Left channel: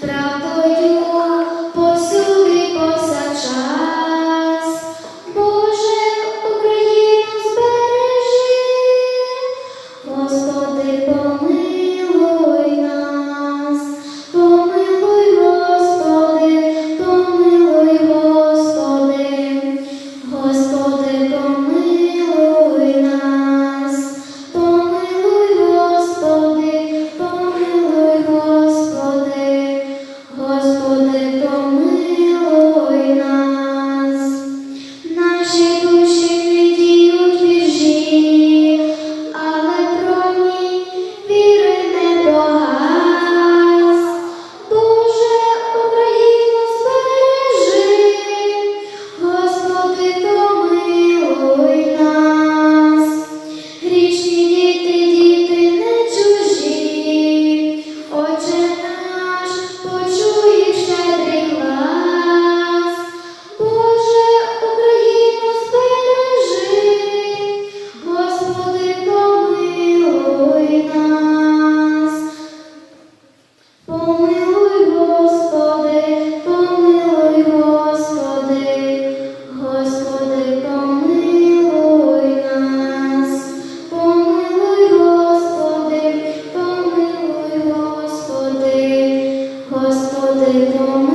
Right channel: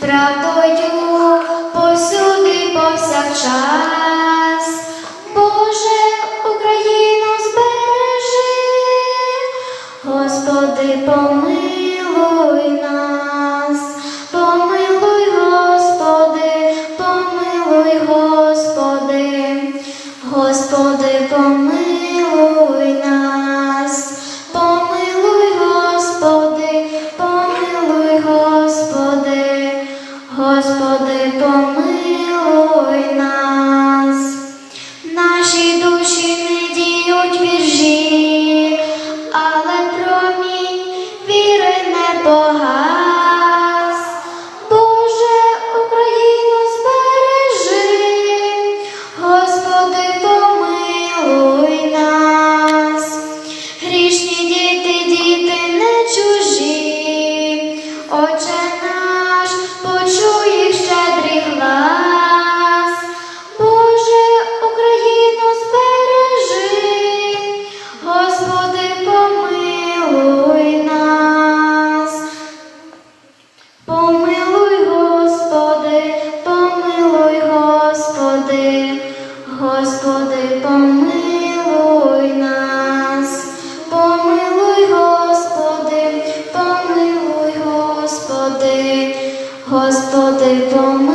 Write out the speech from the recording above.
травою посюди повсякчас. rosto. Deus.